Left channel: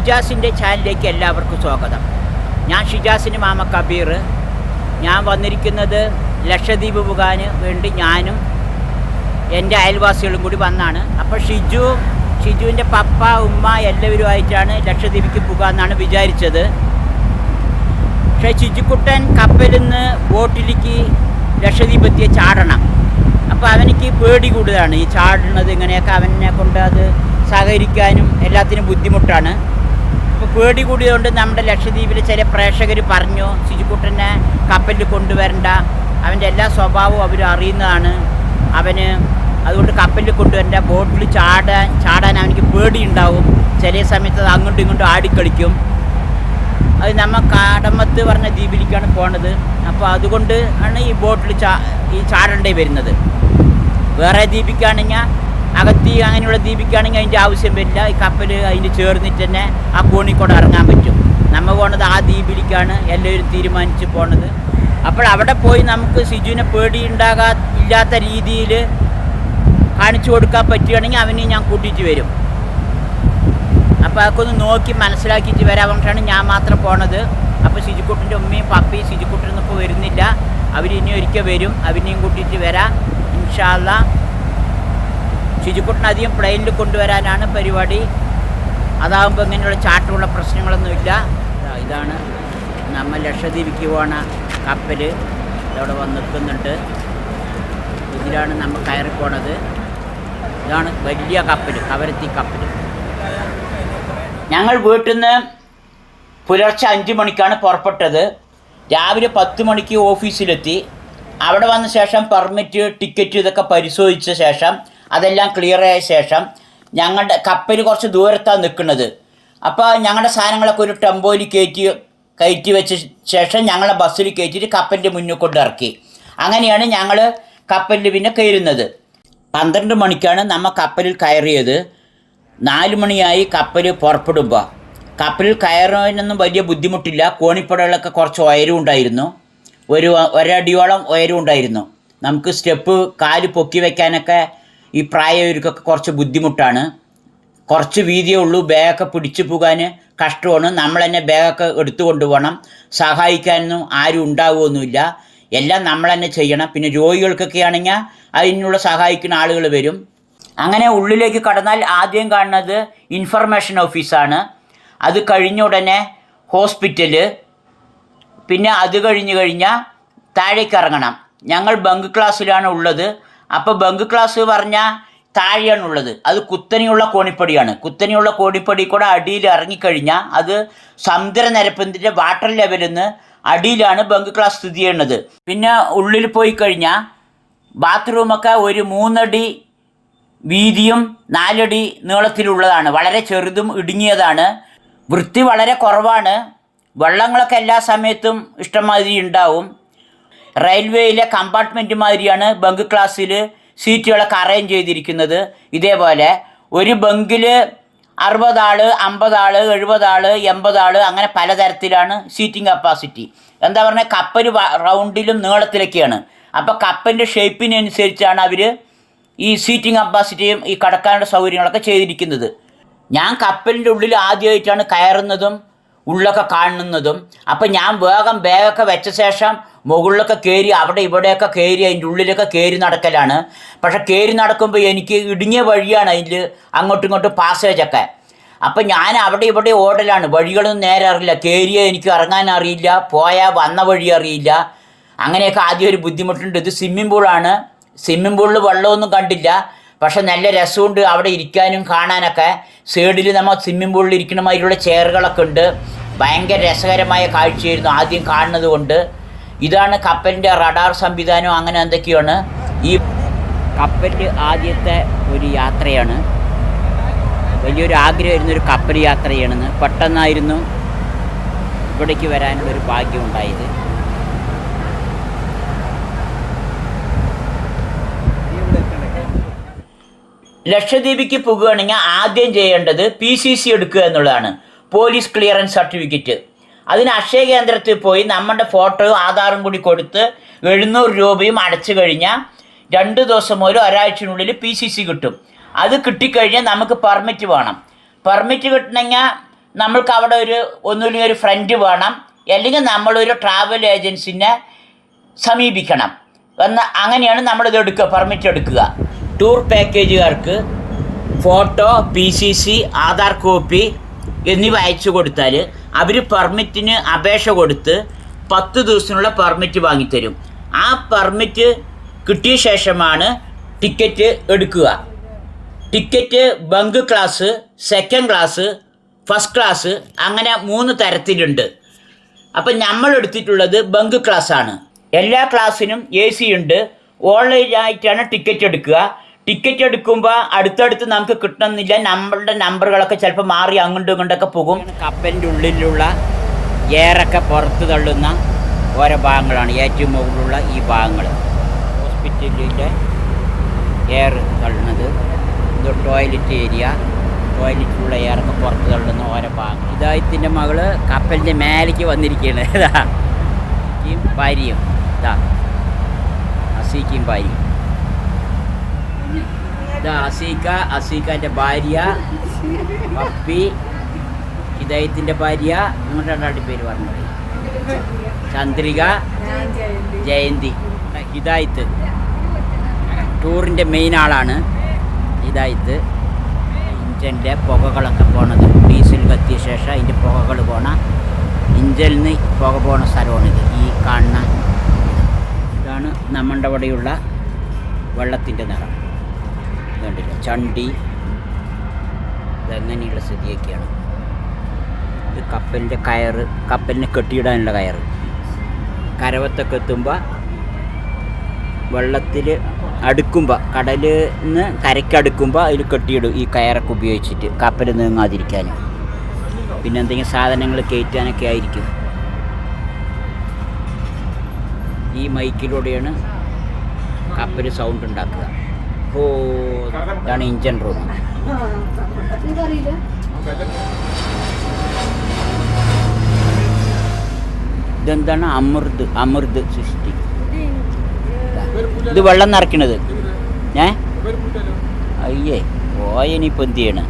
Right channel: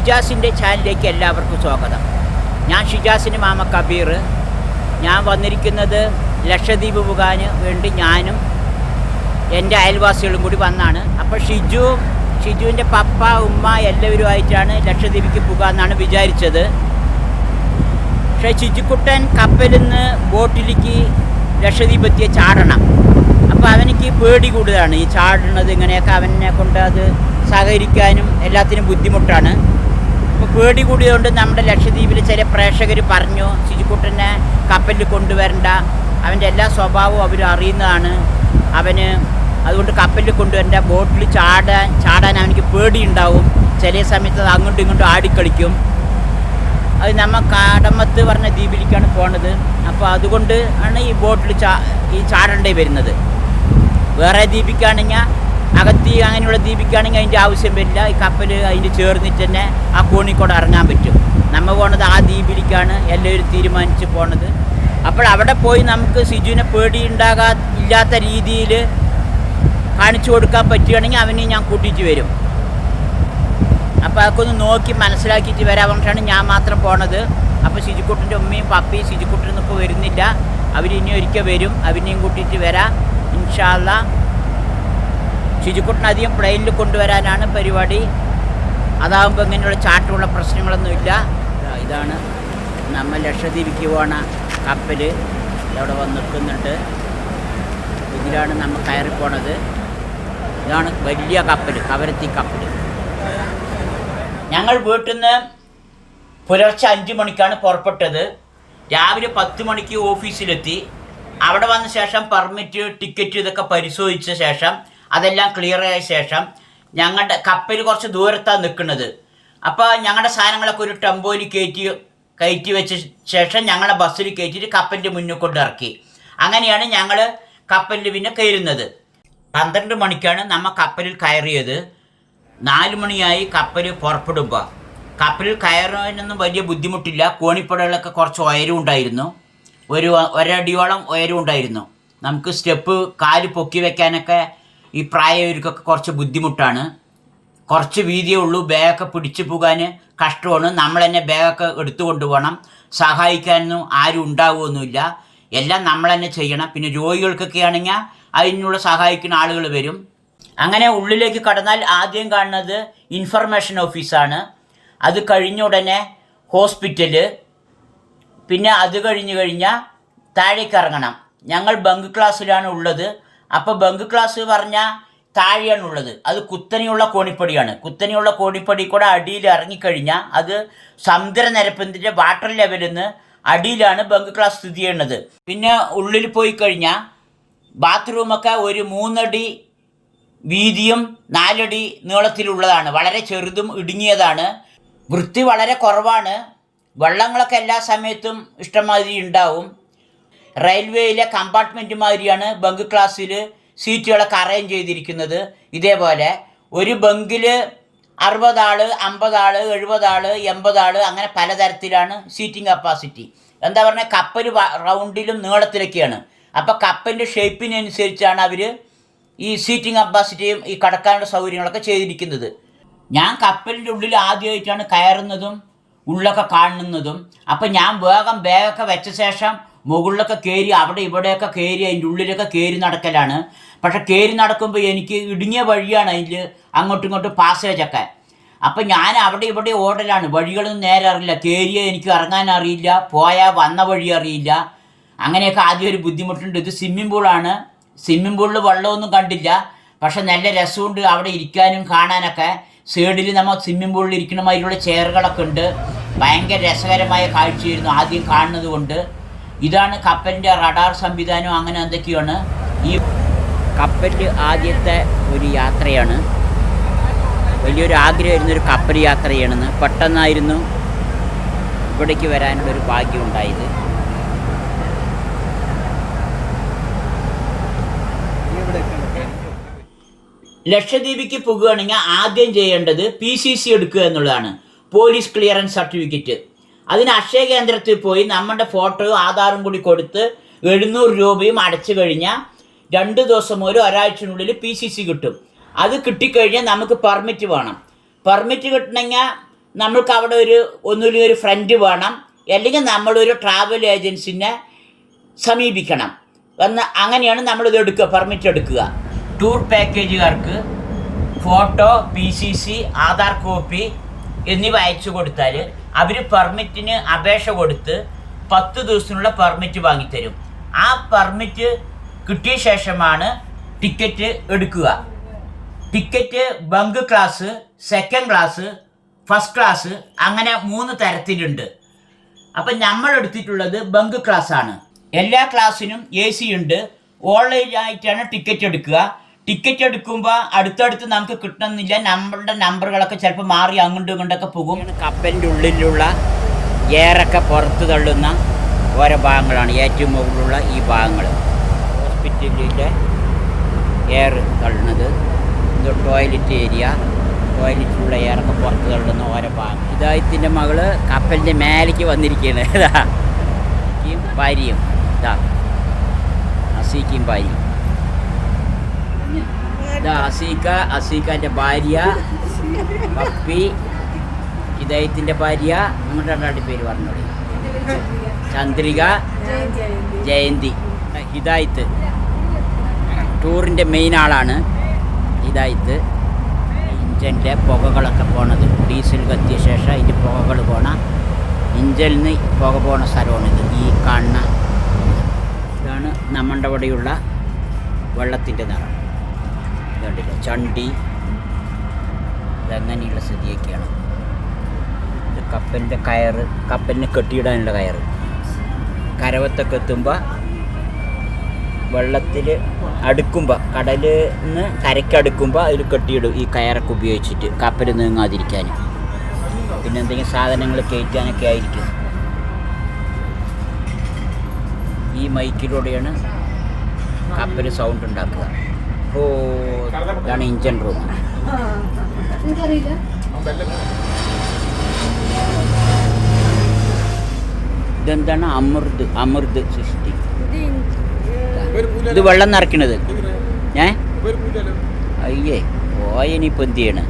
ഷിജാസിന്റെ ചാനലിലേക്ക് എല്ലാവർക്കും സ്വാഗതം. ഞാൻ ഷിജാസിന് മാമ കബീർ. ഞാൻ വന്നിരിക്കുന്നത് ലക്ഷദ്വീപ് പോകാൻ വേണ്ടി ഞാനും എന്റെ അയൽവാസികളും കൂടി വന്നാണ്. അപ്പോൾ ഷിജു ഷിജുവിന്റെ പപ്പ ഉമ്മ എല്ലാവരും ആയിട്ടാണ് ലക്ഷദ്വീപിക്ക് പോകാമെന്നാണ് വിചാരിച്ചത്. പക്ഷേ ഷിജുക്കുട്ടൻ കപ്പലിൽ നിന്ന് ബോട്ടിലേക്ക് ലക്ഷദ്വീപ് എത്തിയ ചാടണം. അപ്പോൾ അവനിക്ക് പേടി കൂടുതലാണ്. ഈ ചാടുന്നത് ഇങ്ങനെയൊക്കെ അവനെ കൊണ്ട് അത് സഹകരിക്കാനും എല്ലാത്തിനും ബുദ്ധിമുട്ടാണ്. പേടി കൂടിയതുകൊണ്ട് നമ്മുടെ ലക്ഷദ്വീപിൽ ചില പ്രേക്ഷകർ പറഞ്ഞു സിജിക്കുട്ടനെ കപ്പലിൽ കൊണ്ടുവരണ്ട. അവന്റെ എല്ലാ സ്വഭാവവും അവർ അറിയുന്നതാണ്. അവന് അതുകൊണ്ട് കപ്പലിൽ കൊണ്ടുവരണ്ട ബോട്ടിൽ ചാടാൻ ചാടാൻ അവനിക്ക് പേടിയുണ്ടാവും. ചില സമയത്ത് അത് അങ്ങോട്ടും ഇങ്ങോട്ടും ആടിക്കളിക്കും. അത് നമ്മ കാടമത്ത് പറഞ്ഞ ദ്വീപിലേക്കാണ് പോണത്. അപ്പോൾ അതുകൊണ്ട് ആണ് ഈ ബോട്ടിൽ ചാ ഈ ചാടേണ്ടി വരുന്നത്. വേറെ ദ്വീപിക്കാണെങ്കിൽ അകത്തി അങ്ങനെയുള്ള ദ്വീപിക്കാണെങ്കിൽ അതിന്റെ ആവശ്യം വരില്ല. ഈ കപ്പൽ അതിന്റെ ചേർന്നിട്ട് തന്നെ ആ കോണിക്കൂടെ ഇറങ്ങാൻ പറ്റും. നമ്മൾ പോണത് ആ ദ്വീപിലേക്കാണ് എല്ലാവരും തീരുമാനിച്ച് പോണത്. അപ്പോൾ അവിടെ പോയി നമുക്ക് സിജുവിനെ പേടി ഉണ്ടാകാ ഇല്ലാത്ത രീതിയിൽ കാണിച്ചു കൊടുക്കാൻ പറ്റുകയാണെങ്കിൽ അവനെ ഞാൻ കൂട്ടിയിട്ട് വരും. അപ്പോൾ അതൊക്കെ നോക്കി മനസ്സിലാക്കിയിട്ട് വരാൻ പറഞ്ഞിട്ടാണ് ഞാൻ മാത്രം പോണത്. അപ്പോൾ സിജുക്കുട്ടിന്റെ ഉമ്മയും പപ്പയും ശിജുക്കുട്ടനൊന്നും ഇപ്പോൾ വരുന്നില്ല. അവരിനി ഒരിക്കൽ വരും. അവനെയും കൂട്ടിയിട്ട് വരാം. ഇൻഷാല്ല ശിജുക്കുട്ടൻ അധികം പ്ലെയിനിൽ കൊണ്ടുവരാനാണ് പരിപാടി. അതാകുമ്പോൾ ഇങ്ങനെയുള്ള ചാട്ടമുള്ള പ്രശ്നങ്ങളൊന്നുമില്ല. ഇതാണ് നമ്മൾ ലക്ഷദ്വീപിക്ക് പോണ കപ്പൽ ഇവിടെ വന്ന് നിൽക്കുന്നുണ്ട്. ഇതിലാണ് നമ്മൾ കയറി പോണത്. ഇതാണ് വലിയ കപ്പൽ കവരത്തി കപ്പൽ ഞങ്ങൾ വീട്ടിൽ നിന്ന് പുലർച്ചെ അഞ്ച് മണിക്കാണ് പുറപ്പെട്ടത്. രാവിലെ പത്ത് മണിക്ക് ഓഫീസിലെത്തി. അവിടെ വന്ന ശേഷം പെർമിറ്റ് ടിക്കറ്റ് ഇതൊക്കെ പരിശോധിച്ച ശേഷം അതെല്ലാം ക്ലിയർ ആയ ശേഷം ഞങ്ങളുടെ കപ്പൽ കുറച്ച് ദൂരത്താണ് നിൽക്കുന്നത്. അപ്പോൾ ഞങ്ങളുടെ സാധനങ്ങളൊക്കെ ഒരു ടെമ്പോയിൽ കയറ്റി കയറ്റി വെച്ച ശേഷം ഞങ്ങളെ ബസ്സിൽ കയറ്റിയിട്ട് കപ്പലിന്റെ മുന്നിൽ കൊണ്ട് ഇറക്കി. അങ്ങനെയാണ് ഞങ്ങൾ കപ്പലിൽ പിന്നെ കയറുന്നത്. പന്ത്രണ്ട് മണിക്കാണ് നമ്മൾ കപ്പലിൽ കയറിയത്. നാല് മണിയായി കപ്പൽ പുറപ്പെടുമ്പോൾ കപ്പലിൽ കയറുന്നതിനൊന്നും വലിയ ബുദ്ധിമുട്ടില്ല. കോണിപ്പടകളൊക്കെ കുറച്ച് ഉയരം ഉണ്ടായിരുന്നു. ഒരു ഒരടിയോളം ഉയരം ഉണ്ടായിരുന്നു. നമുക്ക് സ്റ്റെപ്പ് കാൽ പൊക്കി വെക്കാനൊക്കെ ഈ പ്രായവർക്കൊക്കെ കുറച്ച് ബുദ്ധിമുട്ടാണ്. കുറച്ച് വീതിയേ ഉള്ളൂ. ബാഗൊക്കെ പിടിച്ചു പോകാൻ കഷ്ടമാണ്. നമ്മൾ തന്നെ ബാഗൊക്കെ എടുത്തു കൊണ്ടുപോകണം. സഹായിക്കാനൊന്നും ആരും ഉണ്ടാവുമൊന്നുമില്ല എല്ലാം നമ്മൾ തന്നെ ചെയ്യണം. പിന്നെ രോഗികൾക്കൊക്കെ ആണെങ്കിൽ അതിനുള്ള സഹായിക്കുന്ന ആളുകൾ വരും. അങ്ങനെ ഉള്ളിലേക്ക് കടന്നാൽ ആദ്യം കാണുന്നത് ഇൻഫർമേഷൻ ഓഫീസാണ് അത് കഴിഞ്ഞ ഉടനെ ഹോസ്പിറ്റൽ പിന്നെ അത് കഴിഞ്ഞ് കഴിഞ്ഞാൽ താഴേക്ക് ഇറങ്ങണം. ഞങ്ങൾ ബങ്ക് ക്ലാസ്സിലാണ് ഉള്ളത്. അപ്പോൾ ബങ്ക് ക്ലാസ് പറഞ്ഞാൽ താഴെയാണ് ഉള്ളത് അത് കുത്തനെയുള്ള കോണിപ്പടിയാണ്. കുത്തനെയുള്ള കോണിപ്പടി കൂടെ അടിയിൽ ഇറങ്ങിക്കഴിഞ്ഞാൽ അത് സമുദ്രനിരപ്പിന്റെ വാട്ടർ ലെവലിൽ നിന്ന് അടിയിലാണ് ബങ്ക് ക്ലാസ് സ്ഥിതി ചെയ്യുന്നത്. പിന്നെ ഉള്ളിൽ പോയി കഴിഞ്ഞാൽ ബാത്റൂമൊക്കെ ഒരു മൂന്നടി വീതിയും നാലടി നീളത്തിലുള്ളതാണ്. വളരെ ചെറുതും ഇടുങ്ങിയതാണ്. വൃത്തി വളരെ കുറവാണ്. വെള്ളങ്ങളൊക്കെ എല്ലാ സമയത്തും ഇഷ്ടമാതിരി ഉണ്ടാവും. റെയിൽവേയിലെ കമ്പാർട്ട്മെന്റ് മാതിരിയാണ് ബങ്ക് ക്ലാസ്സിൽ സീറ്റുകളൊക്കെ അറേഞ്ച് ചെയ്തിരിക്കുന്നത്. ഇതേപോലെ ഒരു ബങ്കിൽ അറുപതാൾ അമ്പതാൾ എഴുപതാൾ എൺപതാൾ അങ്ങനെ പലതരത്തിലാണ് സീറ്റിംഗ് കപ്പാസിറ്റി. എന്താ പറഞ്ഞാൽ കപ്പൽ റൗണ്ടിലും നീളത്തിലൊക്കെയാണ്. അപ്പോൾ കപ്പലിന്റെ ഷേപ്പിനനുസരിച്ചാണ് അവർ ഈ സീറ്റിംഗ് കപ്പാസിറ്റിയും ഈ കടക്കാനുള്ള സൗകര്യങ്ങളൊക്കെ ചെയ്തിരിക്കുന്നത്. ഞാൻ കപ്പലിന്റെ ഉള്ളിൽ ആദ്യമായിട്ടാണ് കയറുന്നതും ഉള്ളൊക്കെ കാണുന്നതും. അപ്പം ഞാൻ വേഗം ബാഗൊക്കെ വെച്ച ശേഷം മുകളിലൊക്കെ കയറി അവിടെ ഇവിടെയൊക്കെ കയറി അതിന്റെ ഉള്ളിലൊക്കെ കയറി നടക്കലാണ്. പക്ഷെ കയറി നടക്കുമ്പോൾ എനിക്ക് ഇടുങ്ങിയ വഴിയാണ് അതിൽ അങ്ങോട്ടും ഇങ്ങോട്ടും പാസേജൊക്കെ അപ്പം ഞാൻ അവിടെ ഇവിടെ ഓടലാണ്. വഴികളൊന്നും നേരെ അറിയില്ല. കയറിയ എനിക്ക് ഇറങ്ങാൻ അറിയില്ല. പോയാൽ വന്ന വഴി അറിയില്ല. അങ്ങനെയൊക്കെ ആദ്യം ഒരു ബുദ്ധിമുട്ടുണ്ട്. ഇത് സ്വിമ്മിംഗ് പൂളാണ് സ്വിമ്മിംഗ് പൂളിൽ വെള്ളമൊന്നും കണ്ടില്ല. പക്ഷെ നല്ല രസമുണ്ട് അവിടെ ഇരിക്കാനും കാണാനൊക്കെ. സൈഡിൽ നമ്മൾ സ്വിമ്മിംഗ് പൂളിൽ ഇരിക്കണമാതിരിയുള്ള ചെയറുകളൊക്കെ ഉണ്ട്. ഭയങ്കര രസകരമായ കാഴ്ചയായിരുന്നു ആദ്യം കാണുന്നത് കൊണ്ട്. ഇതാണ് കപ്പലിന്റെ റഡാർ സംവിധാനം അങ്ങനെ എന്തൊക്കെയാണ്? ഈ കപ്പലിൽ ആദ്യത്തെ ഒരു യാത്രയാണ്. വലിയൊരു ആഗ്രഹമായിരുന്നു ഒരു കപ്പൽ യാത്ര ചെയ്യണമെന്ന് പെട്ടെന്നായിരുന്നു ഇവിടേക്ക് വരാനുള്ളൊരു ഭാഗ്യം ഉണ്ടായത്. ലക്ഷദ്വീപിക്ക് പോകുകയാണെങ്കിൽ ആദ്യം ചെയ്യേണ്ടത് പി സി സി എടുക്കുക എന്നുള്ളതാണ്. Police clearance certificate. അതിന് അക്ഷയ കേന്ദ്രത്തിൽ പോയി നമ്മുടെ ഫോട്ടോയും ആധാറും കൂടി കൊടുത്ത് എഴുന്നൂറ് രൂപയും അടച്ചു കഴിഞ്ഞാൽ രണ്ട് ദിവസം ഒരു ഒരാഴ്ചത്തിനുള്ളിൽ പി സി സി കിട്ടും. അത് കിട്ടിക്കഴിഞ്ഞാൽ നമുക്ക് പെർമിറ്റ് വേണം. പെർമിറ്റ് കിട്ടണമെങ്കിൽ നമ്മൾക്ക് അവിടെ ഒരു ഒന്നുമില്ലെങ്കിൽ ഒരു ഫ്രണ്ട് വേണം. അല്ലെങ്കിൽ നമ്മളൊരു ട്രാവൽ ഏജൻസിനെ സമീപിക്കണം. എന്ന് അങ്ങനെയാണ് നമ്മളിത് എടുക്കുക പെർമിറ്റ് എടുക്കുക. Tour പാക്കേജുകാർക്ക് photo P C C Aadhaar copy എന്നിവ അയച്ചു കൊടുത്താൽ അവർ പെർമിറ്റിന് അപേക്ഷ കൊടുത്ത് പത്ത് ദിവസത്തിനുള്ള പെർമിറ്റ് വാങ്ങിത്തരും. ആ പെർമിറ്റ് കിട്ടിയ ശേഷമാണ് ടിക്കറ്റ് എടുക്കുക. Ticket bunk class second class first class അങ്ങനെ മൂന്ന് തരത്തിലുണ്ട്. അപ്പം നമ്മൾ എടുത്തിട്ടുള്ളത് ബങ്ക് ക്ലാസ്സാണ്. എല്ലാ ക്ലാസ്സിനും എ സി ഉണ്ട്. ഓൺലൈനായിട്ടാണ് ടിക്കറ്റ് എടുക്കുക. ടിക്കറ്റ് എടുക്കുമ്പോൾ അടുത്തടുത്ത് നമുക്ക് കിട്ടണമെന്നില്ല. നമ്മളുടെ നമ്പറുകളൊക്കെ ചിലപ്പോൾ മാറി അങ്ങോട്ടും ഇങ്ങോട്ടൊക്കെ പോകും. കപ്പലിന്റെ ഉള്ളിലുള്ള ഏറൊക്കെ പുറത്ത് തള്ളുന്ന ഓരോ ഭാഗങ്ങളാണ് ഏറ്റവും മുകളിലുള്ള ഈ ഭാഗങ്ങൾ. ഹോസ്പിറ്റലിന്റെ എയർ തള്ളുന്നത്. ഇത് ടോയ്ലറ്റ് ഏരിയ. ടോയ്ലറ്റിലുള്ള എയറൊക്കെ പുറത്ത് തള്ളുന്ന ഓരോ ഭാഗങ്ങൾ. ഇതായത്തിന്റെ മകൾ കപ്പലിന്റെ മേലേക്ക് വന്നിരിക്കുകയാണ്. ഭാര്യയും. ഇതാ. അസീക്കും ഭാര്യയും അസീക്ക അസീക്കാന്റെ ഭാര്യ പപ്പി ഹിദായത്തിന്റെ ഭാര്യ നിങ്ങളുടെ രണ്ടാട്ടി പേര് പറഞ്ഞോളി. ചന്ദ്രിക ജയന്തി. ഹിദായത്ത്. ടൂറിന്റെ മെയിൻ ആളാണ് ഹിദായത്ത്. ഇഞ്ചന്റെ പുകകളൊക്കെ പോണത്. ഡീസൽ കത്തിയ ശേഷം അതിന്റെ പുകകൾ പോണ നിന്ന് പുക പോണ സ്ഥലമാണിത്. ഈ കാണുന്ന ഇതാണ് നമ്മുടെ അവിടെയുള്ള വെള്ളത്തിന്റെ നിറം. ഇതുണ്ടല്ലോ ചണ്ടി. ഇതങ്ങനെയുള്ള സ്ഥിതിയൊക്കെയാണ്. ഇത് കപ്പലിന്റെ കയറ് കപ്പലിനെ കെട്ടിയിടാനുള്ള കയറ് കരവത്തൊക്കെ എത്തുമ്പോൾ വെള്ളത്തിൽ അടുക്കുമ്പോൾ കടലിൽ നിന്ന് കരയ്ക്ക് അടുക്കുമ്പോൾ അതിൽ കെട്ടിയിടും ഈ കയറൊക്കെ ഉപയോഗിച്ചിട്ട് കപ്പൽ നീങ്ങാതിരിക്കാൻ. പിന്നെ എന്തെങ്കിലും സാധനങ്ങൾ കയറ്റാനൊക്കെ ആയിരിക്കും. ഈ മൈക്കിലൂടെയാണ് കപ്പൽ സൗണ്ട് ഉണ്ടാക്കുക. ഓ ഇതാണ് ഇഞ്ചൻ റൂം ഇതെന്താണ്? അമൃത് അമൃത് സൃഷ്ടി ഇത് വെള്ളം നിറയ്ക്കണത്. ഏ? അയ്യേ പോയനിപ്പോൾ എന്ത് ചെയ്യണ?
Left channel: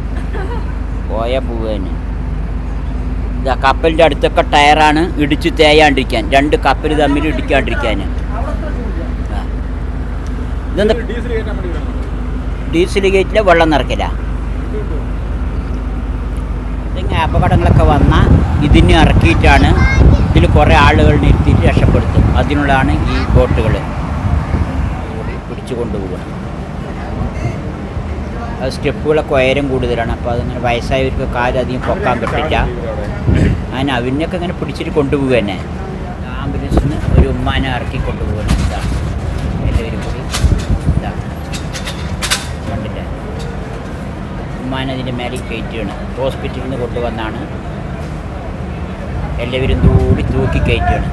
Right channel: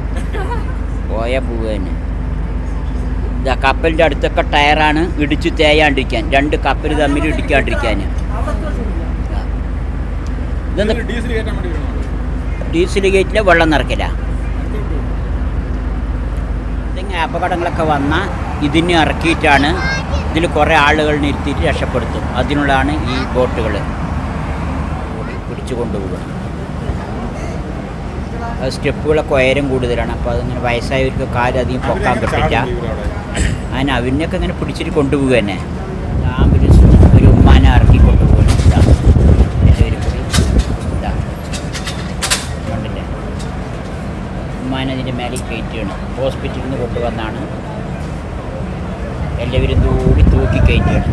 പോയ പോവാന് കപ്പലിന്റെ അടുത്തൊക്കെ ടയറാണ് ഇടിച്ചു തേയാണ്ടിരിക്കാൻ. രണ്ട് കപ്പൽ തമ്മിൽ ഇടിക്കാണ്ടിരിക്കാൻ ഇതെന്താ? ഡീസൽ ഗേറ്റിലെ വെള്ളം നിറക്കില്ല. അപകടങ്ങളൊക്കെ വന്നാൽ ഇതിന് ഇറക്കിയിട്ടാണ് ഇതിൽ കുറേ ആളുകൾ നിർത്തിയിട്ട് രക്ഷപ്പെടുത്തും. അതിനുള്ളതാണ് ഈ ബോട്ടുകൾ പിടിച്ചു കൊണ്ടുപോകുക അത് സ്റ്റെപ്പുകളൊക്കെ ഉയരം കൂടുതലാണ്. അപ്പോൾ അതിങ്ങനെ വയസ്സായവർക്ക് കാലധികം പൊക്കാൻ പറ്റില്ല. അതിന് അവനൊക്കെ ഇങ്ങനെ പിടിച്ചിട്ട് കൊണ്ടുപോകുക തന്നെ. ആംബുലൻസിന് ഒരു ഉമ്മാനെ ഇറക്കി കൊണ്ടുപോകുന്നു ഇതാ എല്ലാവരും കൂടി ഇതാ കണ്ടില്ലേ ഉമ്മാനെ അതിന്റെ മേലെ കയറ്റുകയാണ് ഹോസ്പിറ്റലിൽ നിന്ന് കൊണ്ടുവന്നാണ്. എല്ലാവരും കൂടി തൂക്കി കയറ്റിയാണ്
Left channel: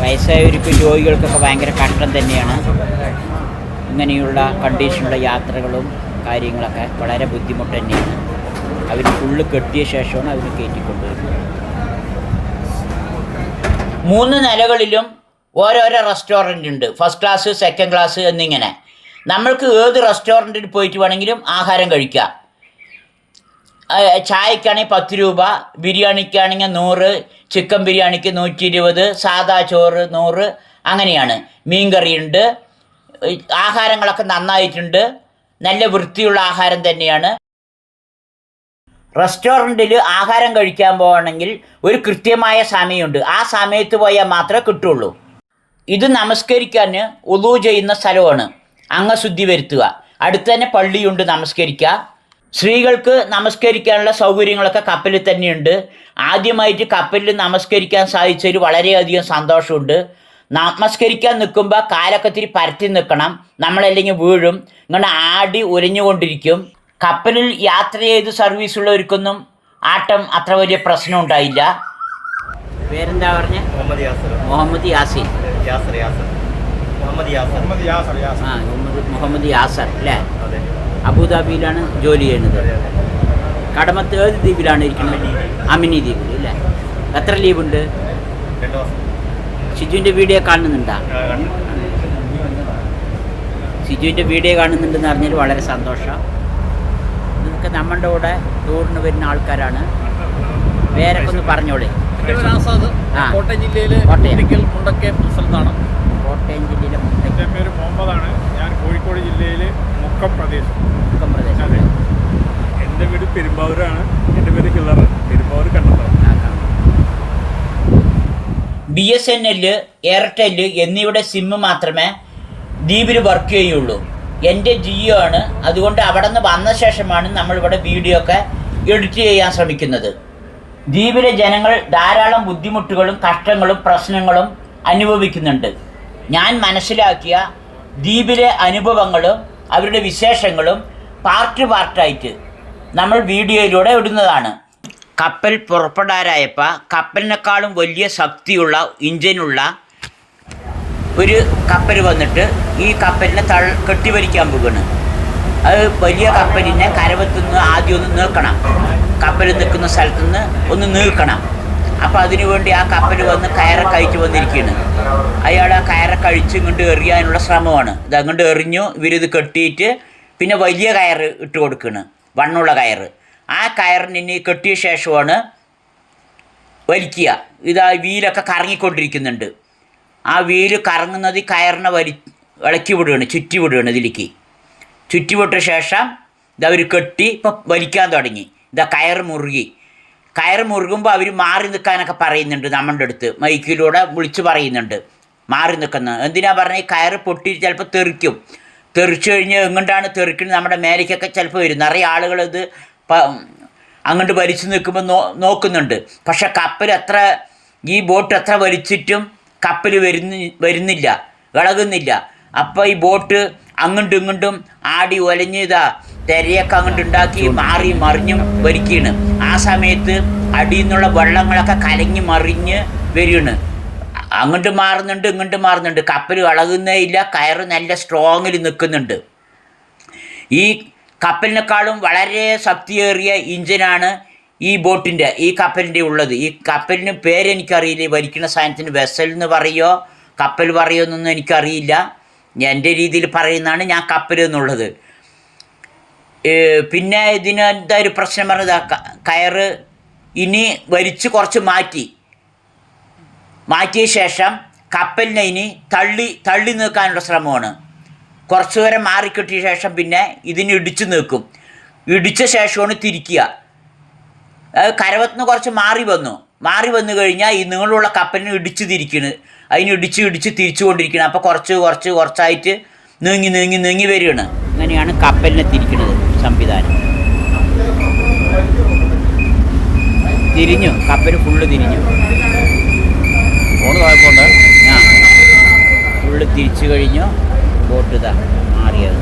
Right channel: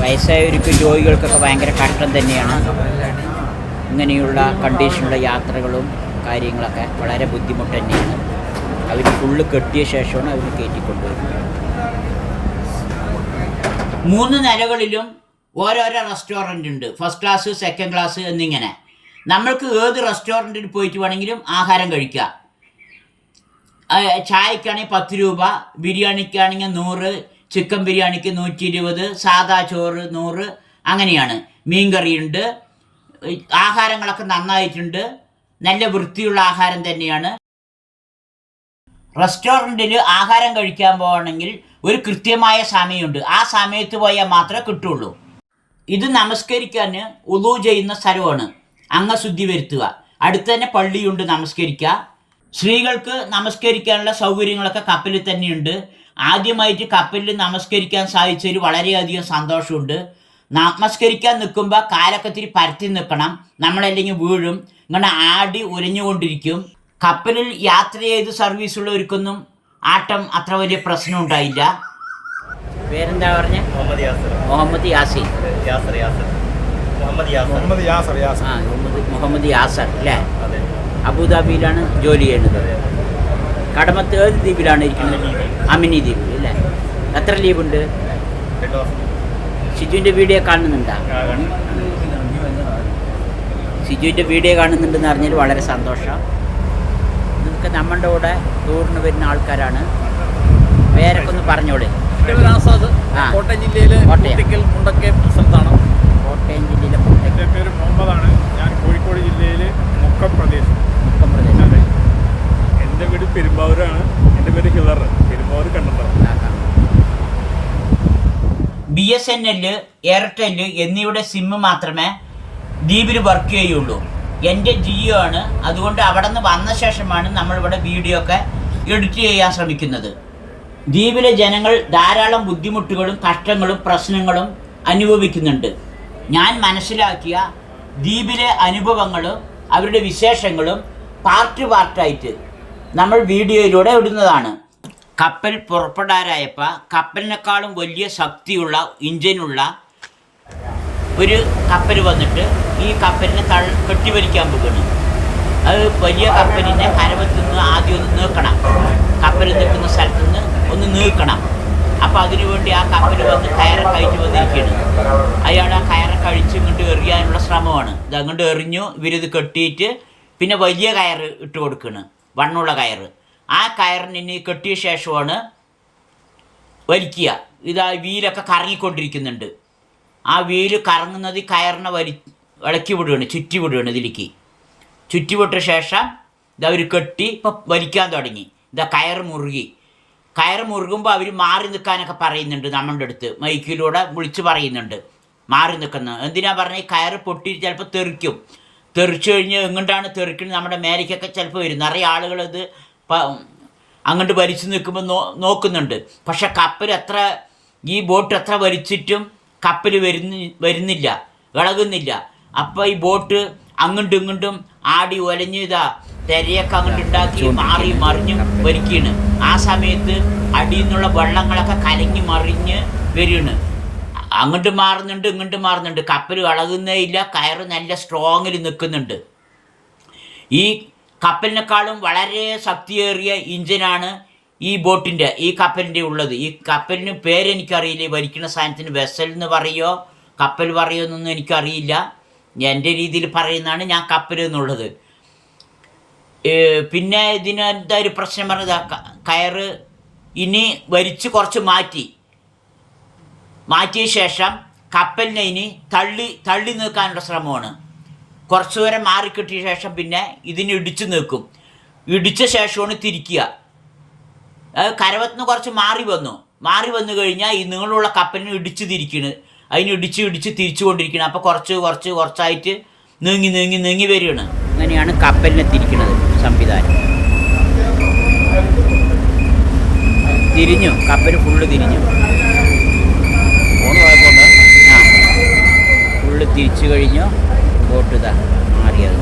വയസ്സായവർക്ക് രോഗികൾക്കൊക്കെ ഭയങ്കര കഷ്ടം തന്നെയാണ്. ഇങ്ങനെയുള്ള കണ്ടീഷനുള്ള യാത്രകളും കാര്യങ്ങളൊക്കെ വളരെ ബുദ്ധിമുട്ട് തന്നെയാണ്. അവർ ഫുള്ള് കെട്ടിയ ശേഷമാണ് അവർ കയറ്റിക്കൊണ്ടുവരുന്നത് മൂന്ന് നിലകളിലും ഓരോരോ റെസ്റ്റോറന്റ് ഉണ്ട്. ഫസ്റ്റ് ക്ലാസ് സെക്കൻഡ് ക്ലാസ് എന്നിങ്ങനെ. നമ്മൾക്ക് ഏത് റെസ്റ്റോറന്റിൽ പോയിട്ട് വേണമെങ്കിലും ആഹാരം കഴിക്കാം. ചായക്കാണെങ്കിൽ പത്ത് രൂപ ബിരിയാണിക്കാണെങ്കിൽ നൂറ് ചിക്കൻ ബിരിയാണിക്ക് നൂറ്റി ഇരുപത് സാദാ ചോറ് നൂറ് അങ്ങനെയാണ്. മീൻ മീൻകറിയുണ്ട് ആഹാരങ്ങളൊക്കെ നന്നായിട്ടുണ്ട്. നല്ല വൃത്തിയുള്ള ആഹാരം തന്നെയാണ്. റെസ്റ്റോറന്റിൽ ആഹാരം കഴിക്കാൻ പോകണമെങ്കിൽ ഒരു കൃത്യമായ സമയമുണ്ട്. ആ സമയത്ത് പോയാൽ മാത്രമേ കിട്ടുള്ളൂ. ഇത് നമസ്കരിക്കാൻ ഒതു ചെയ്യുന്ന സ്ഥലമാണ്. അംഗശുദ്ധി വരുത്തുക. അടുത്ത് തന്നെ പള്ളിയുണ്ട് നമസ്കരിക്കുക. സ്ത്രീകൾക്ക് നമസ്കരിക്കാനുള്ള സൗകര്യങ്ങളൊക്കെ കപ്പലിൽ തന്നെയുണ്ട്. ആദ്യമായിട്ട് കപ്പലിൽ നമസ്കരിക്കാൻ സാധിച്ചതിൽ വളരെയധികം സന്തോഷമുണ്ട്. നമസ്കരിക്കാൻ നിൽക്കുമ്പോൾ കാലൊക്കെ ഇത്തിരി പരത്തി നിൽക്കണം. നമ്മളല്ലെങ്കിൽ വീഴും. ഇങ്ങനെ ആടി ഉരഞ്ഞുകൊണ്ടിരിക്കും. കപ്പലിൽ യാത്ര ചെയ്ത് സർവീസ് ഉള്ളവർക്കൊന്നും ആട്ടം അത്ര വലിയ പ്രശ്നം ഉണ്ടായില്ല. പേരെന്താ പറഞ്ഞ? മുഹമ്മദ് യാസർ. മുഹമ്മദ് യാസിൻ യാസർ യാസർ. മുഹമ്മദ് യാസർ. മുഹമ്മദ് യാസർ യാസർ. ആ മുഹമ്മദ് മുഹമ്മദ് യാസർ അല്ലേ? അതെ. അബുദാബിയിലാണ് ജോലി ചെയ്യുന്നത്. കടമത്ത് ഏത് ദ്വീപിലാണ് ഇരിക്കുന്നത്? അമിനി ദ്വീപ്. ദ്വീപിൽ അല്ലേ? എത്ര ലീവുണ്ട്? ഷിജുവിന്റെ വീഡിയോ കാണുന്നുണ്ടോ? ഷിജുവിന്റെ വീഡിയോ കാണുന്നുണ്ടെന്ന് അറിഞ്ഞാൽ വളരെ സന്തോഷം. ഇതൊക്കെ നമ്മളുടെ കൂടെ ടൂറിന് വരുന്ന ആൾക്കാരാണ്. പേരൊക്കെ ഒന്ന് പറഞ്ഞോളൂ ആസാദ് കോട്ടയം ജില്ലയിലെ കോട്ടയം. മുണ്ടക്കയം സ്ഥലത്താണ്. കോട്ടയം ജില്ലയിലെ മുട്ടയ്ക്ക് എന്റെ പേര് മുഹമ്മദാണ്. ഞാൻ കോഴിക്കോട് ജില്ലയിലെ മുക്കം പ്രദേശം. മുക്കം പ്രദേശം. അതെ. എന്റെ വീട് പെരുമ്പാവൂരാണ്. എന്റെ പേര് കിളർ. Perumbavoor Kannanthara B S N L Airtel എന്നിവയുടെ സിമ്മ് മാത്രമേ ദ്വീപിൽ വർക്ക് ചെയ്യുള്ളൂ. എന്റെ ജിയോ ആണ്. അതുകൊണ്ട് അവിടെ നിന്ന് വന്ന ശേഷമാണ് നമ്മളിവിടെ വീഡിയോ ഒക്കെ എഡിറ്റ് ചെയ്യാൻ ശ്രമിക്കുന്നത്. ദ്വീപിലെ ജനങ്ങൾ ധാരാളം ബുദ്ധിമുട്ടുകളും കഷ്ടങ്ങളും പ്രശ്നങ്ങളും അനുഭവിക്കുന്നുണ്ട്. ഞാൻ മനസ്സിലാക്കിയ ദ്വീപിലെ അനുഭവങ്ങളും അവരുടെ വിശേഷങ്ങളും പാർട്ട് പാർട്ടായിട്ട് നമ്മൾ വീഡിയോയിലൂടെ ഇടുന്നതാണ്. കപ്പൽ പുറപ്പെടാറായപ്പോൾ കപ്പലിനേക്കാളും വലിയ ശക്തിയുള്ള ഇഞ്ചിനുള്ള ഒരു കപ്പൽ വന്നിട്ട് ഈ കപ്പലിനെ തൾ കെട്ടിവലിക്കാൻ പോകുന്നു അത് വലിയ കപ്പലിനെ കരവത്തുനിന്ന് ആദ്യം ഒന്ന് നീക്കണം. കപ്പൽ നിൽക്കുന്ന സ്ഥലത്ത് നിന്ന് ഒന്ന് നീക്കണം. അപ്പോൾ അതിനുവേണ്ടി ആ കപ്പൽ വന്ന് കയറ കഴിച്ചു വന്നിരിക്കുകയാണ് അയാൾ ആ കയറ കഴിച്ച് ഇങ്ങോട്ട് എറിയാനുള്ള ശ്രമമാണ്. ഇത് അങ്ങോട്ട് എറിഞ്ഞു ഇവരിത് കെട്ടിയിട്ട് പിന്നെ വലിയ കയറ് ഇട്ട് കൊടുക്കുകയാണ് വണ്ണുള്ള കയറ് ആ കയറിന് ഇനി കെട്ടിയ ശേഷമാണ് വലിക്കുക. ഇതാ വീലൊക്കെ കറങ്ങിക്കൊണ്ടിരിക്കുന്നുണ്ട്. ആ വീൽ കറങ്ങുന്നത് കയറിനെ വലി ഇളക്കി വിടുകയാണ് ചുറ്റി വിടുകയാണ് ഇതിലേക്ക്. ചുറ്റി വിട്ട ശേഷം ഇതവർ കെട്ടി ഇപ്പം വലിക്കാൻ തുടങ്ങി. ഇതാ കയർ മുറുകി. കയർ മുറുകുമ്പോൾ അവർ മാറി നിൽക്കാനൊക്കെ പറയുന്നുണ്ട് നമ്മളുടെ അടുത്ത്. മൈക്കിലൂടെ വിളിച്ച് പറയുന്നുണ്ട്. മാറി നിൽക്കുന്നത് എന്തിനാ പറഞ്ഞാൽ ഈ കയർ പൊട്ടി ചിലപ്പോൾ തെറിക്കും. തെറിച്ചു കഴിഞ്ഞ് എങ്ങോട്ടാണ് തെറിക്കുന്നത്? നമ്മുടെ മേലേക്കൊക്കെ ചിലപ്പോൾ വരും. നിറയെ ആളുകൾ ഇത് അങ്ങോട്ട് വലിച്ചു നിൽക്കുമ്പോൾ നോ നോക്കുന്നുണ്ട്. പക്ഷെ കപ്പൽ എത്ര ഈ ബോട്ട് എത്ര വലിച്ചിട്ടും കപ്പൽ വരുന്ന വരുന്നില്ല ഇളകുന്നില്ല അപ്പോൾ ഈ ബോട്ട് അങ്ങോട്ടും ഇങ്ങോട്ടും ആടി ഒലഞ്ഞതാ തിരയൊക്കെ അങ്ങോട്ട് ഉണ്ടാക്കി മാറി മറിഞ്ഞും വരിക്കുകയാണ് ആ സമയത്ത് അടിയിൽ നിന്നുള്ള വെള്ളങ്ങളൊക്കെ കലങ്ങി മറിഞ്ഞ് വരികയാണ്. അങ്ങോട്ട് മാറുന്നുണ്ട് ഇങ്ങോട്ട് മാറുന്നുണ്ട്. കപ്പൽ ഇളകുന്നേ ഇല്ല കയറ് നല്ല സ്ട്രോങ്ങിൽ നിൽക്കുന്നുണ്ട്. ഈ കപ്പലിനേക്കാളും വളരെ ശക്തിയേറിയ ഇഞ്ചിനാണ് ഈ ബോട്ടിന്റെ ഈ കപ്പലിന്റെ ഉള്ളത്. ഈ കപ്പലിന് പേരെനിക്കറിയില്ല വലിക്കുന്ന സാധനത്തിന് വെസൽ എന്ന് പറയോ? കപ്പൽ പറയോ എന്നൊന്നും എനിക്കറിയില്ല. എന്റെ രീതിയിൽ പറയുന്നതാണ് ഞാൻ കപ്പൽ എന്നുള്ളത്. പിന്നെ ഇതിന് എന്താ ഒരു പ്രശ്നം പറഞ്ഞത്? കയറ് ഇനി വലിച്ച് കുറച്ച് മാറ്റി. മാറ്റിയ ശേഷം കപ്പലിനെ ഇനി തള്ളി തള്ളി നീക്കാനുള്ള ശ്രമമാണ്. കുറച്ച് ദൂരം മാറിക്കിട്ടിയ ശേഷം പിന്നെ ഇതിന് ഇടിച്ചു നീക്കും. ഇടിച്ച ശേഷമാണ് തിരിക്കുക. കരവത്തുനിന്ന് കുറച്ച് മാറി വന്നു. മാറി വന്നു കഴിഞ്ഞാൽ ഈ നീളമുള്ള കപ്പലിന് ഇടിച്ചു തിരിക്കണ്. അതിന് ഇടിച്ച് ഇടിച്ച് തിരിച്ചുകൊണ്ടിരിക്കണം. അപ്പോൾ കുറച്ച് കുറച്ച് കുറച്ചായിട്ട് നീങ്ങി നീങ്ങി നീങ്ങി വരികയാണ്. അങ്ങനെയാണ് കപ്പലിനെ തിരിക്കുന്നത് സംവിധാനം. തിരിഞ്ഞു. കപ്പൽ ഫുള്ള് തിരിഞ്ഞു. ഫുള്ള് തിരിച്ചു കഴിഞ്ഞു. ബോട്ട് ഇതാ മാറിയത്.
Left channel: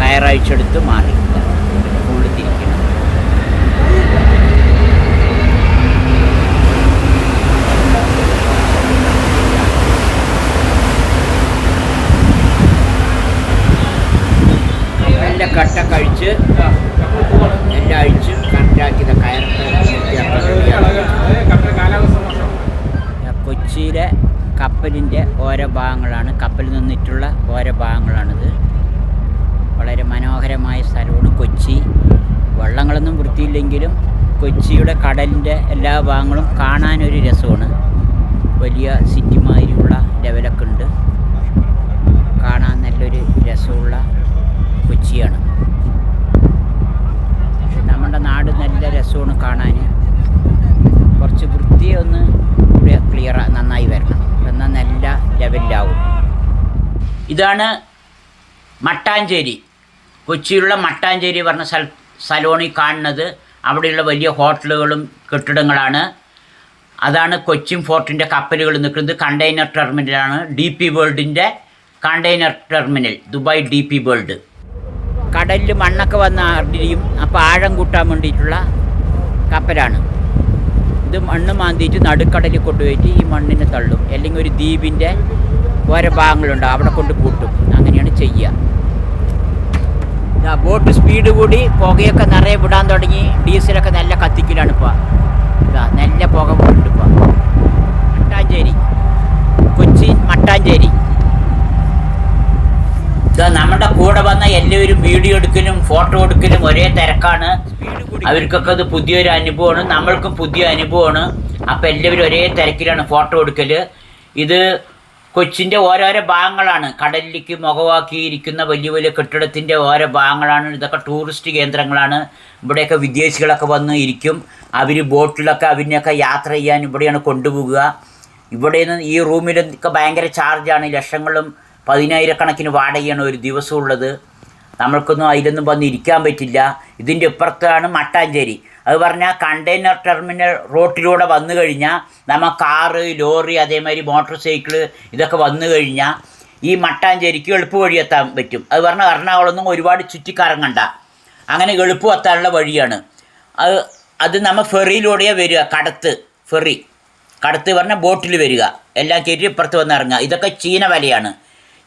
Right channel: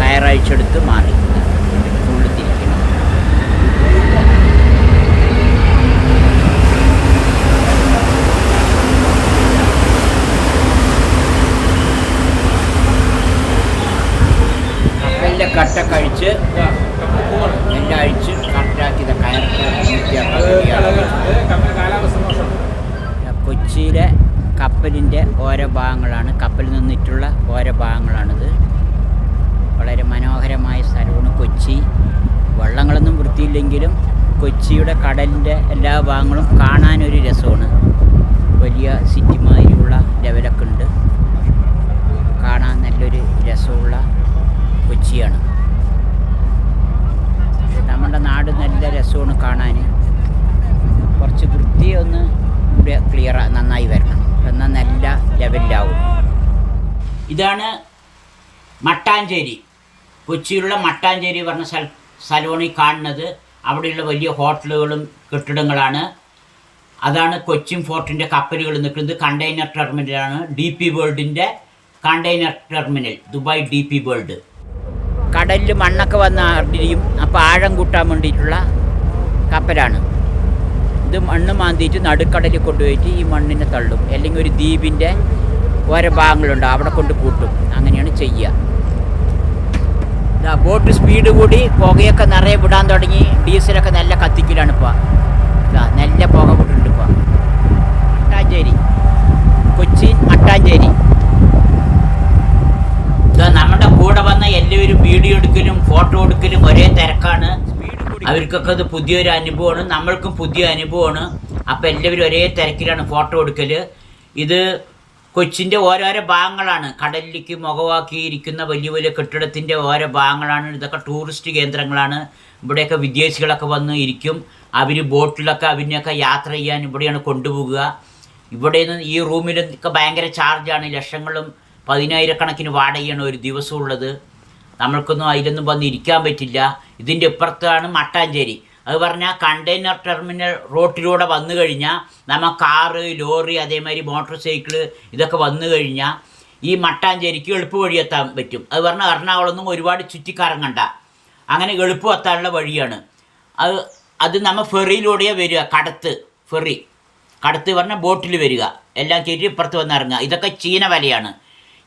കയറഴിച്ചെടുത്ത് മാറി. ഫുള്ള് തിരിക്കണം കപ്പലിന്റെ കട്ട കഴിച്ച് എല്ലാം അഴിച്ച് കറക്റ്റാക്കി കയറൊക്കെ കൊച്ചിയിലെ കപ്പലിന്റെ ഓരോ ഭാഗങ്ങളാണ്. കപ്പലിൽ നിന്നിട്ടുള്ള ഓരോ ഭാഗങ്ങളാണിത്. വളരെ മനോഹരമായ സ്ഥലമാണ് കൊച്ചി. വള്ളങ്ങളൊന്നും വൃത്തിയില്ലെങ്കിലും കൊച്ചിയുടെ കടലിന്റെ എല്ലാ ഭാഗങ്ങളും കാണാനൊരു രസമാണ്. വലിയ സിറ്റിമാതിരിയുള്ള ലെവലൊക്കെ ഉണ്ട്. കാണാൻ നല്ലൊരു രസമുള്ള കൊച്ചിയാണ്. നമ്മുടെ നാട് നല്ല രസമാണ് കാണാൻ. കുറച്ച് വൃത്തിയൊന്ന് ക്ലിയർ നന്നായി വരണം. എന്നാൽ നല്ല ലെവലിലാവും ഇതാണ് മട്ടാഞ്ചേരി. കൊച്ചിയിലുള്ള മട്ടാഞ്ചേരി പറഞ്ഞ സ്ഥല സ്ഥലമാണ് ഈ കാണുന്നത്. അവിടെയുള്ള വലിയ ഹോട്ടലുകളും കെട്ടിടങ്ങളാണ്. അതാണ് കൊച്ചിൻ ഫോർട്ടിന്റെ കപ്പലുകൾ നിൽക്കുന്നത്. കണ്ടെയ്നർ ടെർമിനലാണ് D P വേൾഡിന്റെ container terminal Dubai D P world കടലിൽ മണ്ണൊക്കെ വന്ന് അറിഞ്ഞിരിക്കും അപ്പോൾ ആഴം കൂട്ടാൻ വേണ്ടിയിട്ടുള്ള കപ്പലാണ്. ഇത് മണ്ണ് മാന്തിയിട്ട് നടുക്കടലിൽ കൊണ്ടുപോയിട്ട് ഈ മണ്ണിനെ തള്ളും. അല്ലെങ്കിൽ ഒരു ദ്വീപിന്റെ ഓരോ ഭാഗങ്ങളുണ്ട് അവിടെ കൊണ്ട് കൂട്ടും. അങ്ങനെയാണ് ചെയ്യുക. ഇതാ ബോട്ട് സ്പീഡ് കൂടി പുകയൊക്കെ നിറയെ വിടാൻ തുടങ്ങി. ഡീസലൊക്കെ നല്ല കത്തിക്കലാണ് ഇപ്പോൾ ഇതാ നല്ല പുക വിടുന്നുണ്ട് ഇപ്പോൾ മട്ടാഞ്ചേരി. കൊച്ചി മട്ടാഞ്ചേരി. നമ്മുടെ കൂടെ വന്ന എല്ലാവരും വീഡിയോ എടുക്കലും ഫോട്ടോ എടുക്കലും ഒരേ തിരക്കാണ്. അവർക്കൊക്കെ അത് പുതിയൊരു അനുഭവമാണ്. നമ്മൾക്കും പുതിയ അനുഭവമാണ്. അപ്പം എല്ലാവരും ഒരേ തിരക്കിലാണ് ഫോട്ടോ എടുക്കൽ ഇത് കൊച്ചിന്റെ ഓരോരോ ഭാഗങ്ങളാണ്. കടലിലേക്ക് മുഖവാക്കിയിരിക്കുന്ന വലിയ വലിയ കെട്ടിടത്തിന്റെ ഓരോ ഭാഗങ്ങളാണ്. ഇതൊക്കെ ടൂറിസ്റ്റ് കേന്ദ്രങ്ങളാണ്. ഇവിടെയൊക്കെ വിദേശികളൊക്കെ വന്ന് ഇരിക്കും. അവർ ബോട്ടിലൊക്കെ അവരിനെയൊക്കെ യാത്ര ചെയ്യാൻ ഇവിടെയാണ് കൊണ്ടുപോകുക ഇവിടെ നിന്ന് ഈ റൂമിലൊക്കെ ഭയങ്കര ചാർജാണ് ലക്ഷങ്ങളും പതിനായിരക്കണക്കിന് വാടകയാണ് ഒരു ദിവസം ഉള്ളത്. നമ്മൾക്കൊന്നും അതിലൊന്നും വന്ന് ഇരിക്കാൻ പറ്റില്ല. ഇതിന്റെ ഇപ്പുറത്താണ് മട്ടാഞ്ചേരി. അത് പറഞ്ഞാൽ കണ്ടെയ്നർ ടെർമിനൽ റോട്ടിലൂടെ വന്നു കഴിഞ്ഞാൽ നമ്മൾ കാറ് ലോറി അതേമാതിരി മോട്ടോർ സൈക്കിൾ ഇതൊക്കെ വന്നു കഴിഞ്ഞാൽ ഈ മട്ടാഞ്ചേരിക്ക് എളുപ്പ വഴി എത്താൻ പറ്റും. അത് പറഞ്ഞാൽ എറണാകുളമൊന്നും ഒരുപാട് ചുറ്റിക്കറങ്ങണ്ട. അങ്ങനെ എളുപ്പം എത്താനുള്ള വഴിയാണ്. അത് അത് നമ്മൾ ഫെറിയിലൂടെയാണ് വരിക കടത്ത് ഫെറി. കടത്ത് പറഞ്ഞാൽ ബോട്ടിൽ വരിക. എല്ലാം കയറ്റി ഇപ്പുറത്ത് വന്ന് ഇറങ്ങുക. ഇതൊക്കെ ചീന വലയാണ്.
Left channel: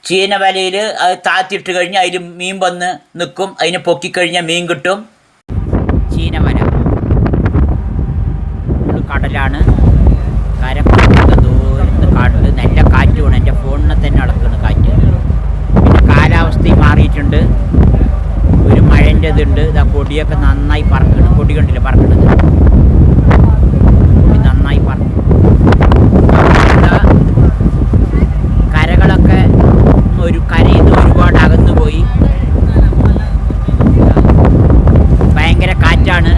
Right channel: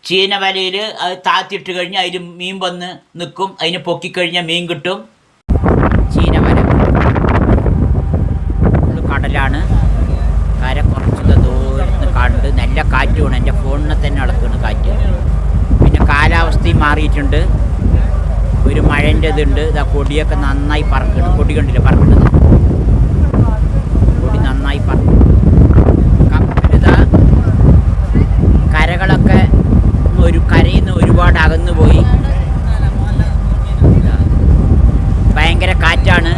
ചീന വലയിൽ അത് താത്തിയിട്ട് കഴിഞ്ഞാൽ അതിൽ മീൻ വന്ന് നിൽക്കും അതിനെ പൊക്കിക്കഴിഞ്ഞാൽ മീൻ കിട്ടും. ചീന വല ഫുള്ള് കടലാണ്. കര ദൂരത്ത് കണ്ട് നല്ല കാറ്റുമാണ് എന്റെ ഫോണിനെ തന്നെ അളക്കുന്നു കാറ്റ്. പിന്നെ കാലാവസ്ഥയും മാറിയിട്ടുണ്ട്. ഒരു മഴന്റെ ഇതുണ്ട് ഇതാ കൊടിയൊക്കെ നന്നായി പറക്കണം. കൊടി കണ്ടില്ല പറക്കണത് കൊടി നന്നായി പറക്കും ഇതാ കരകളൊക്കെ ഒരു കരയിൽ നിന്ന് ഒരുപാട് അകന്നു പോയി ഇതാ. ഭയങ്കര കാറ്റാണ്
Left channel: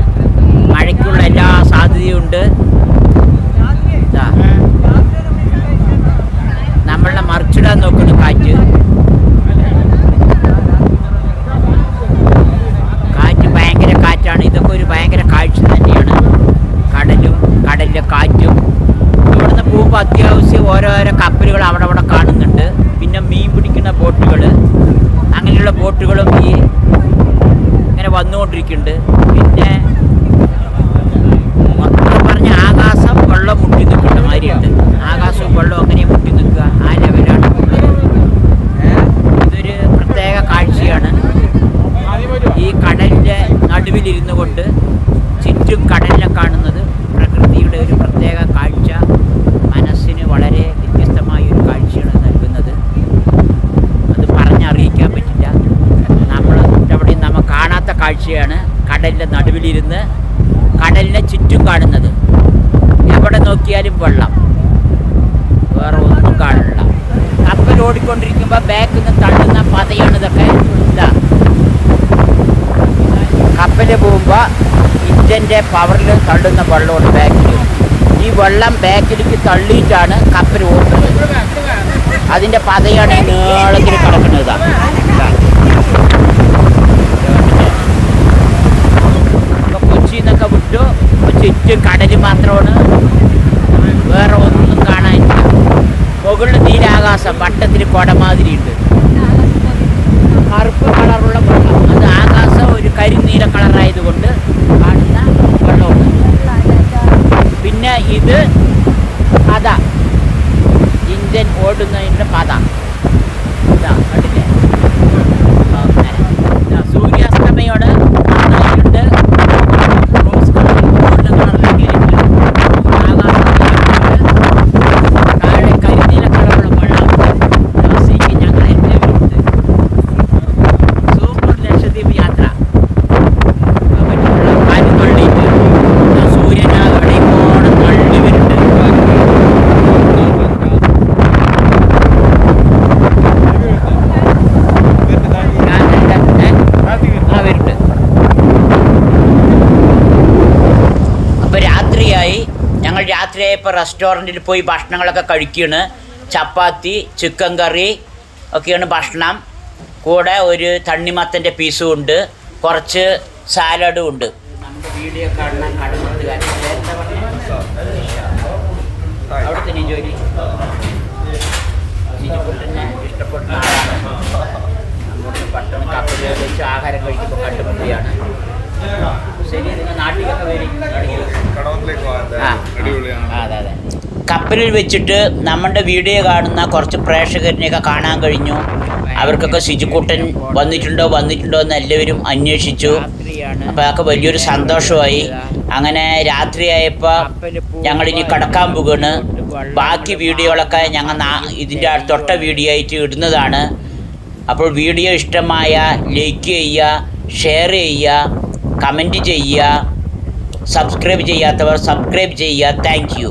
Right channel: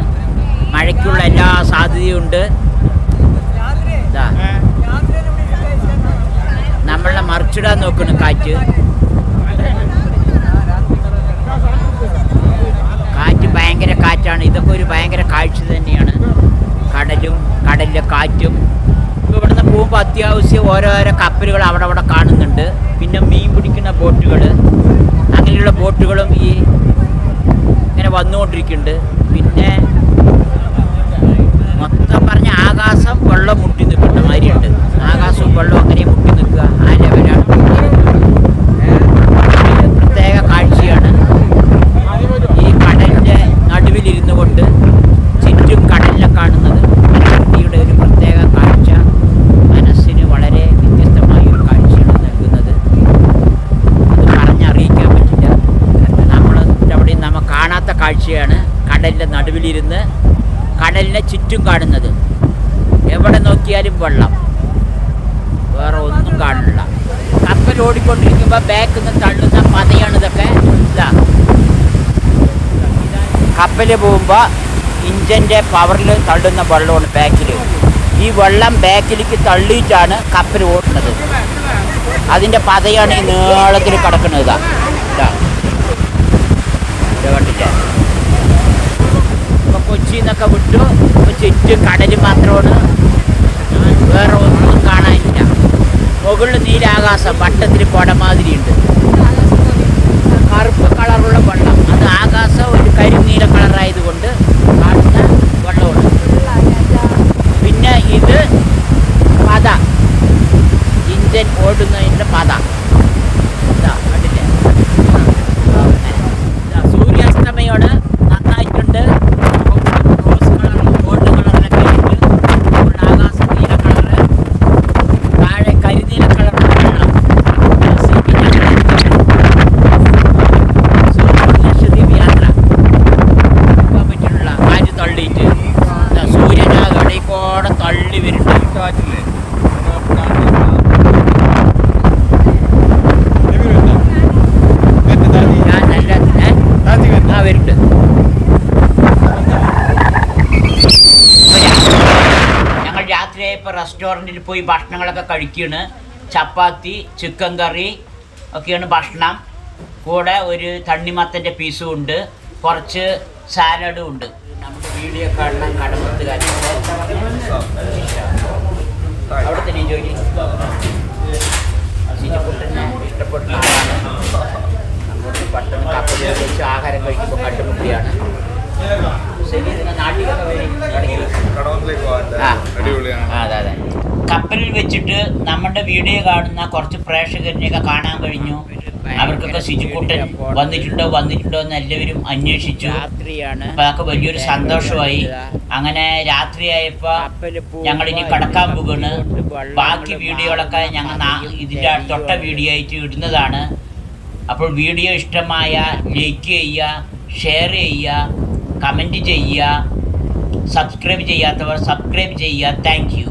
മഴയ്ക്കുള്ള എല്ലാ സാധ്യതയുണ്ട് ഇതാ. നമ്മളെ മറിച്ചിടാൻ നോക്കുന്നു കാറ്റ് കാറ്റ് ഭയങ്കര കാറ്റാണ് ഇതൊക്കെ ഒരു ഭയങ്കര കാഴ്ച തന്നെയാണ് കടലും കടലിലെ കാറ്റും ഇവിടുന്ന് പോകുമ്പോൾ അത്യാവശ്യം ഓരോരോ കപ്പലുകൾ അവിടെ അവിടെ കാണുന്നുണ്ട് പിന്നെ മീൻ പിടിക്കുന്ന ബോട്ടുകൾ അങ്ങനെയുള്ള ബോട്ടുകളും ഈ ഇങ്ങനെ വന്നുകൊണ്ടിരിക്കുന്നുണ്ട്. പിന്നെ മൊത്തം പറഞ്ഞ ആകാശം വെള്ളം മുട്ടി നിൽക്കുന്ന മാതിരിയുണ്ട്. ആകാശവും വെള്ളവും അങ്ങനെ മുട്ടി നിൽക്കുക ആ ലെവലാണ് പ്രത്യേക കാഴ്ചയാണ്. ഈ കടലിന്റെ നടുവിലിരുന്നു കൊണ്ട് ചുറ്റും കടലിനെ കാണുന്നത് പ്രകൃതിയുടെ ഒരു പ്രത്യേക കാഴ്ച. മനസ്സിന് വളരെ വ്യത്യസ്തമായ ഒരു കാഴ്ചയാണ് നൽകുന്നത് അത് പറഞ്ഞറിയിക്കാൻ പറ്റില്ല നമ്മൾ അവിടെ നമ്മൾ കാണാത്ത കാഴ്ചയാണ് കടലിന്റെ നടുവിലിരുന്ന് കടലിനെ ചുറ്റും കാണുന്നത്. എവിടെ നോക്കിയാലും വെള്ളം. വേറെ ഒന്നും കാണില്ല കപ്പൽ ഓടിക്കൊണ്ടിരിക്കുമ്പോൾ ബാക്കിൽ നിന്ന് തള്ളുന്ന പതയാണ് ഇതൊക്കെ. ഇതാ. കപ്പൽ പോകുമ്പോൾ ഇഞ്ചന്റെ പവറിൽ തള്ളുന്ന വെള്ളമാണ് ബാക്കിൽ ഈ വെള്ളം ബാക്കിലേക്ക് തള്ളിയിട്ടാണ് കപ്പൽ ഓടുന്നത്. അതിന്റെ പതയാണ് ഈ നീളത്തിൽ കിടക്കുന്നത്. ഇതാ ഇതാ ഇത് കണ്ടില്ലേ? ഇപ്പൊ കൊച്ചിയിൽ ഇപ്പൊ ചുറ്റും കടൽ മാത്രമാണ്. വേറെ ഒന്നും കാണാനില്ല. മുകളിൽ നീരാകാശം വട്ടത്തിൽ കുടമാതിരി ഉണ്ട് കറുപ്പ് കളറുള്ള വെള്ളം. അത് ആകാശം ഒരു കരിനീല കളറായതുകൊണ്ട് കാണുന്ന വെള്ളമാണ്. പിന്നെ ഇത് പത. ഇന്ത്യൻ ഓടുന്നതിന്റെ പത. ഇതാ കണ്ടില്ലേ. സൂര്യാസ്തമയാണ് നന്നായിട്ടുണ്ട് റോസ് കളറിൽ ഗോൾഡ് കളറിലൊക്കെ ആയിട്ട് ആകാശം നീലമുണ്ട് താഴെ കരിനീല കളറുള്ള വെള്ളം സീപ്പിന് അങ്ങനെ സൂപ്പർ ലക്ഷദ്വീപ് യാത്ര പോകാൻ പറ്റിയിട്ടുള്ള കാറ്റ് തള്ളിയിട്ട് ഇതാ സൂര്യൻ ആ ഇടയ്ക്കോടെ തള്ളി വരുന്നുണ്ട് ഞാൻ നല്ല ഏ? ആ വരുന്നുണ്ട് അപ്പോൾ രാത്രിയായി ഞങ്ങൾ രാത്രിയായപ്പോൾ റെസ്റ്റോറന്റിൽ പോയി ഭക്ഷണങ്ങളൊക്കെ കഴിക്കുകയാണ് ചപ്പാത്തി ചിക്കൻ കറി ഒക്കെയാണ് ഭക്ഷണം. കൂടെ ഒരു തണ്ണിമത്തന്റെ പീസും ഉണ്ട്. കുറച്ച് സാലഡും ഉണ്ട്. നമ്മുടെ വീഡിയോ കാണുന്ന കടമത്തുകാരൻ അവിടെ തന്നെ ജോലി? സിനിക്കുട്ടനെ ഇഷ്ടപ്പെടുന്ന ആളാണ്. നമ്മുടെ പട്ടണം കപ്പലിൽ വെച്ച് ആഹാരം കഴിക്കുമ്പോൾ കണ്ടുമുട്ടിയാണ് ശരി നിങ്ങൾ നാട്ടിലൊക്കെ വരും. ഇടയ്ക്ക് ആ. ആ, അതെ അതെ. കപ്പലിൽ വെച്ചിട്ട് നമ്മുടെ വീഡിയോ കാണുന്ന കുറച്ച് പ്രേക്ഷകരിനെയൊക്കെ കാണാൻ കഴിഞ്ഞു. അവർക്കൊക്കെ ശുചിക്കൂട്ടൻ വന്നിട്ടുണ്ടോ വന്നിട്ടുണ്ടോ എന്ന് എല്ലാവരും അന്വേഷിച്ചു. അപ്പൊ അതൊക്കെ വലിയൊരു സന്തോഷമായി. അങ്ങനെ രാത്രിയായപ്പോ ഞങ്ങൾ ഇനി കടക്കാൻ പോകാണ് ബാക്കി വീഡിയോകളൊക്കെ ഞങ്ങൾ ഇതിന്റെ തൊട്ട വീഡിയോ ആയിട്ട് ഇടുന്നതാണ്. അപ്പോൾ വീഡിയോ ഇഷ്ടമായ ലൈക്ക് ചെയ്യുക ഷെയർ ചെയ്യുക. കമൻറ്റ് ചെയ്യുക സബ്സ്ക്രൈബ് ചെയ്യാത്തവർ സബ്സ്ക്രൈബ് ചെയ്യുക താങ്ക് യു